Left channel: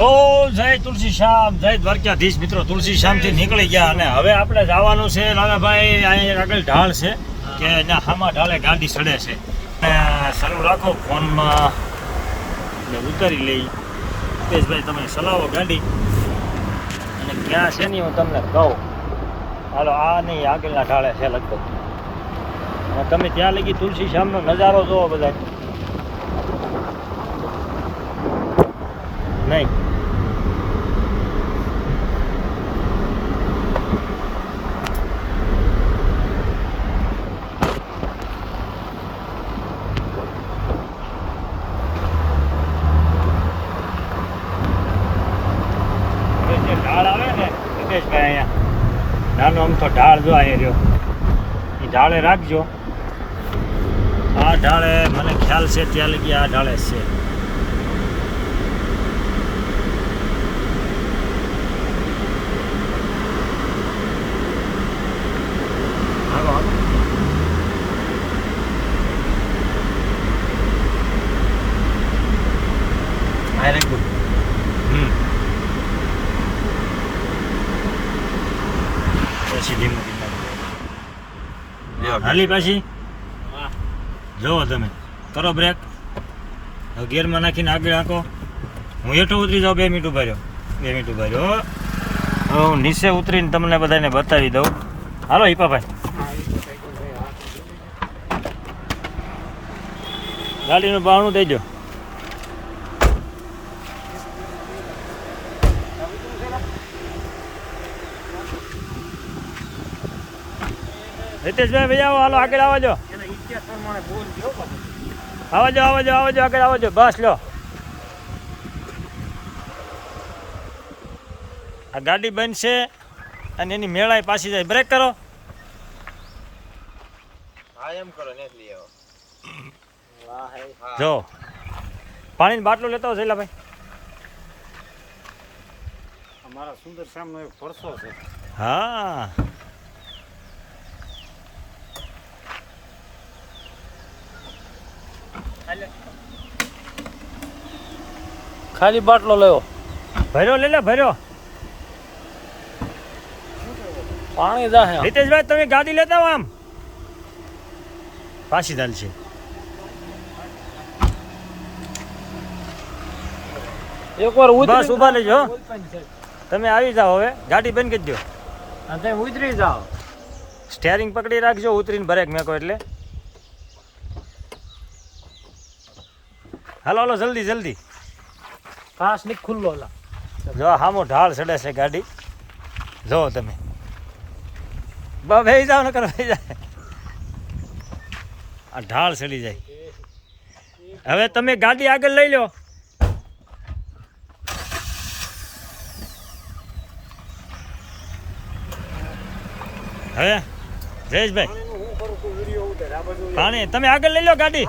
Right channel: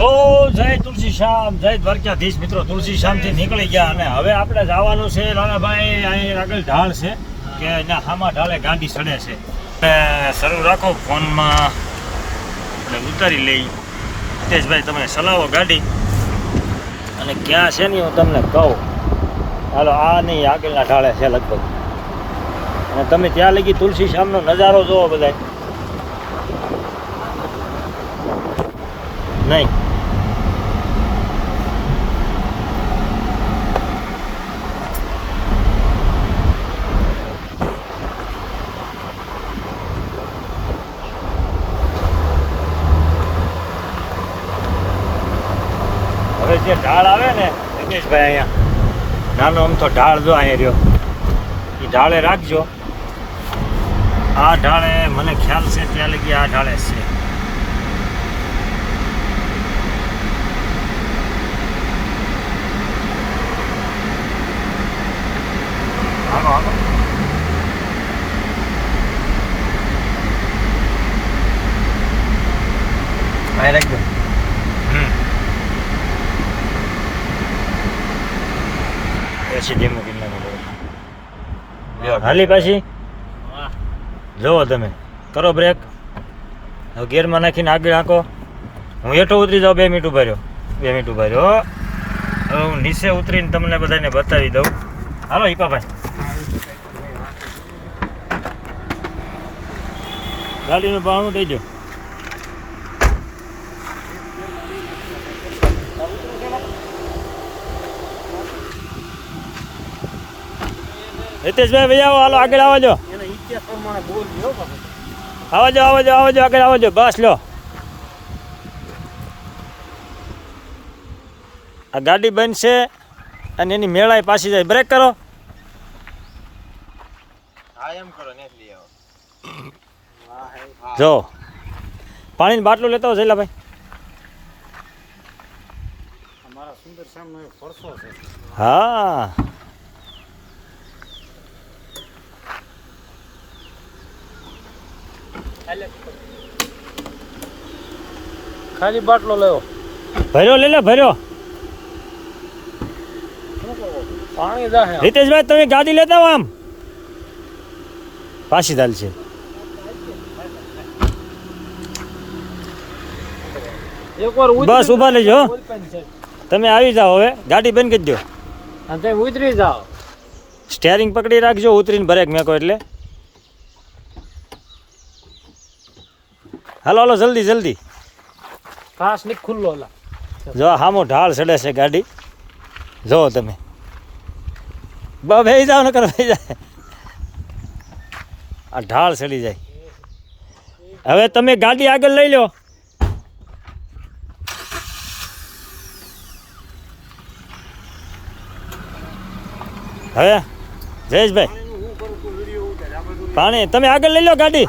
તો જય તુલસી શ્યામ જય દ્વારકાધીશ મિત્રો. તુલસી શ્યામથી નીકળી ગયા અને હવે આપણે જવાનું છે નાનાભાઈ અહીં આગળ ઢાળ છે કે એના હામાં ઢાળે ગાંડી ચડે છે. શરૂ રાખો ફોનમાં. આપણે ઉતારી લઈ. હિતેશભાઈ તમે ચલાવો ગાડી. અને ક્યાં છે ને હું તમને કહું. હાલો આ નહીં આગળના ઢાળે છે લગભગ. અને તમે ત્યાં લગી તુલસી શ્યામનો નજારો જોવો બધા નહીં જે ઢાળ આવે ને, રમેશભાઈ અહીંયા. નાનો અમથો ઢાળ જો અહીંયા રહ્યો. એ ઢાળે રાખજો. આ ઢાળે મને ખ્યાલ છે ત્યાં લગી આ ઢાળે છે. આગો આગો હમ એસી ધીમું ધીમું હાલી પાછી? જોવો તમે. કરો બ્રેક હવે ગિયરમાં નાખીને આગળ આંકો હું હેઠો ઉતરી જાઉં બે મિનિટ ઊભા રહ્યો. બે મિનિટ ઊભા રહ્યો હવે હું નીચે ઉતરીને તમને બધાને બતાવી દઉં. હાલો હિપાભાઈ ગાડીનું ભાવનું દેજો હિતેશભાઈ ભાઈ આવો હાલો આગળ આવજો આવજો આવજો આવજો આગળ આવજો બસ લો. આ ગાડી બનશે અને એની મેળાએ પાછી જાય. બ્રેક કરો. હા એમ કરો ને લઈ આવો. જો. પાણીની બાટલો લેતા હો ભાઈ. અમારા સુંદર સામનો એક પરસો છે. હા. ખાલી બાટલો લેવો ભર્યો લે લે ભર્યો. પાણી જાહે. હિતેશભાઈ તમે ગાડી લેતા આમ. પાછી દાલ છે. બસ ઊભા લેજો. તમે આવી જાઓ હવે. ગાડી બંધ કરી દો. તમે ઉતરી જાઓ. સ્ટેરિંગ પકડી રાખજો ઉતરીને બ્રેક મેકો એટલે. હાલો હાલો જલ્દી જલ્દી. કાચની ખુલ્લો લા જો હામો ઢાળ ચડે છે ગાડી. જો તમે. બ ભાઈ જાઓ નકર ભાઈ જાય આ ઢાળ ચડી જાય. હવે તમે ગાડી આગળ લઈ લો. હવે જયેશભાઈ. પાણી તમે આગળ લઈ લો ગાડી.